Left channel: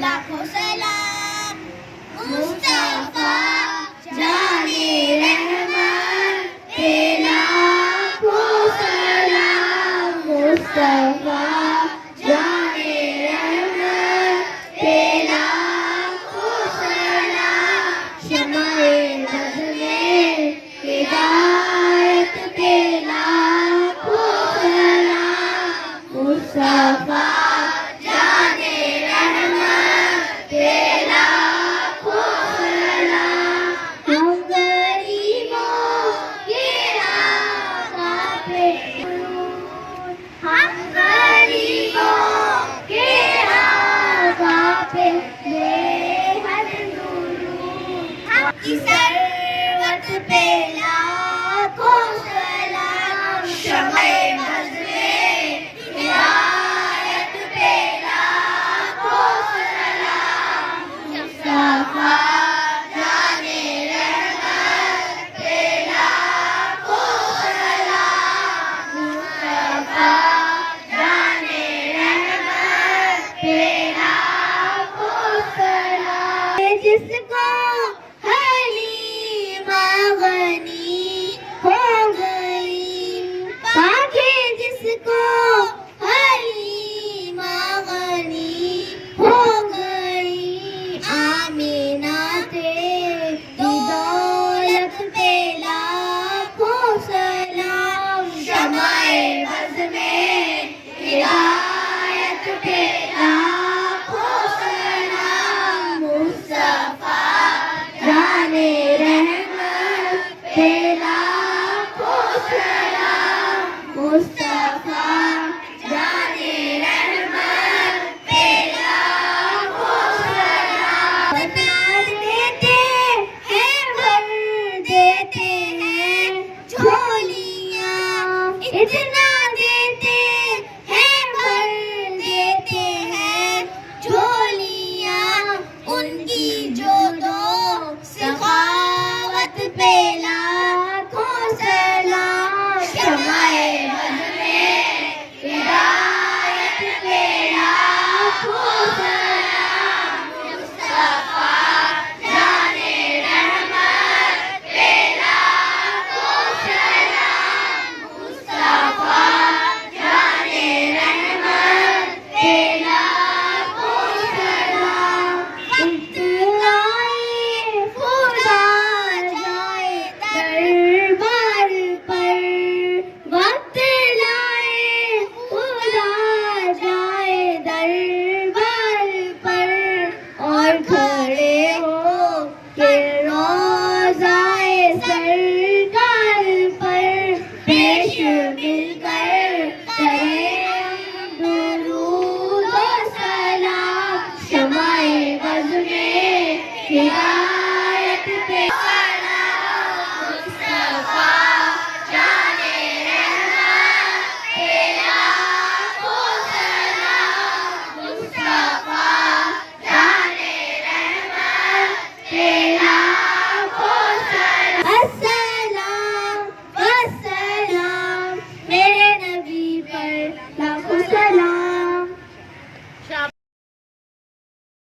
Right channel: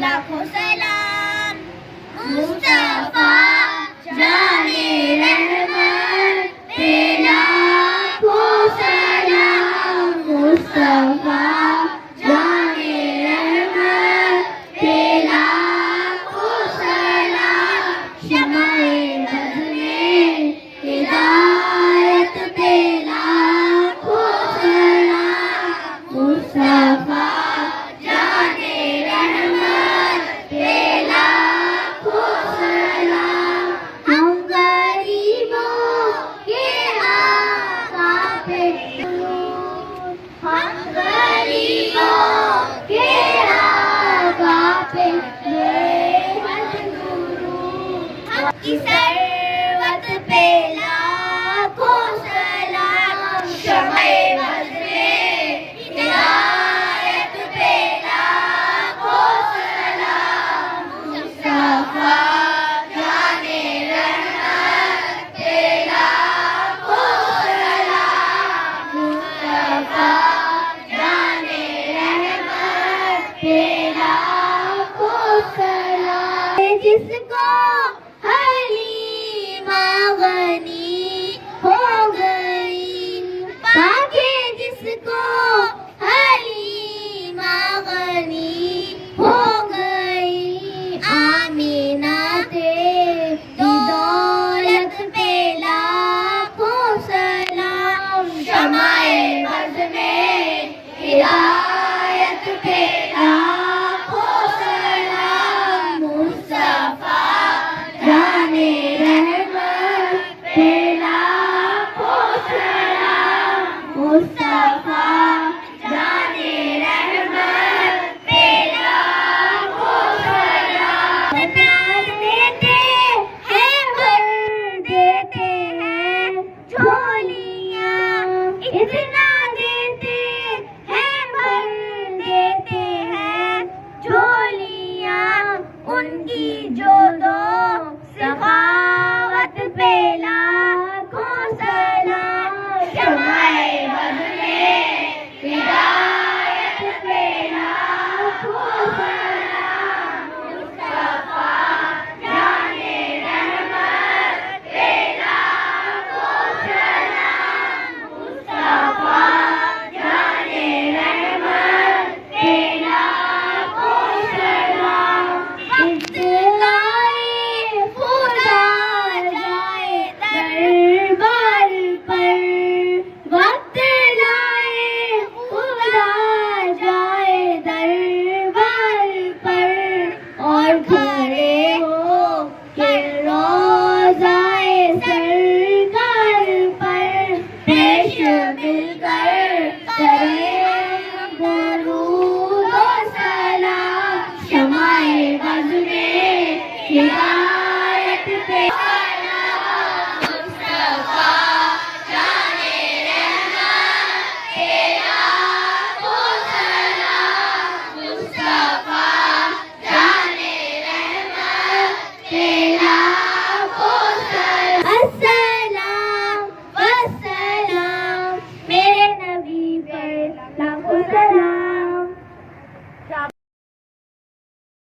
लाखों सलाम मुस्तफा जाने रहमत पे लाखों सलाम मुस्तफा जाने रहमत पे लाखों सलाम शमाए बज़्म हिदायत पे लाखों सलाम मुस्तफा जाने रहमत पे लाखों सलाम हम गरीबों के आका पे हम गरीबों के आका पे बेहद दुरूद हम की सरवत पे लाखों सलाम शमाए बज़्म हिदायत पे लाखों सलाम मुस्तफा जाने रहमत पे लाखों सलाम मुस्तफा जाने रहमत पे लाखों सलाम जिसको हलीमा गनी हो गई पाके जिसको हलीमा गनी हो गई आमीना तेरी दौलत पे लाखों सलाम शमाए बज़्म हिदायत पे लाखों सलाम मुस्तफा जाने रहमत पे लाखों सलाम मुस्तफा जाने रहमत पे लाखों सलाम देते हैं भर देते हैं झोलियाँ इतना देते हैं भर देते हैं झोलियाँ उनकी जो दो सखावत पे लाखों सलाम शमाए बज़्म हिदायत पे लाखों सलाम मुस्तफा जाने रहमत पे लाखों सलाम मुस्तफा जाने रहमत पे लाखों सलाम वक्त लाए खुदा जाए दरबार पर वक्त लाए खुदा जाए दरबार पर और खड़े हो के रोज़ाए सरकार पर पेश मिलकर करें दरूद व सलाम शमाए बज़्म हिदायत पे मुस्तफा जाने रहमत पे लाखों सलाम मुस्तफा जाने रहमत पे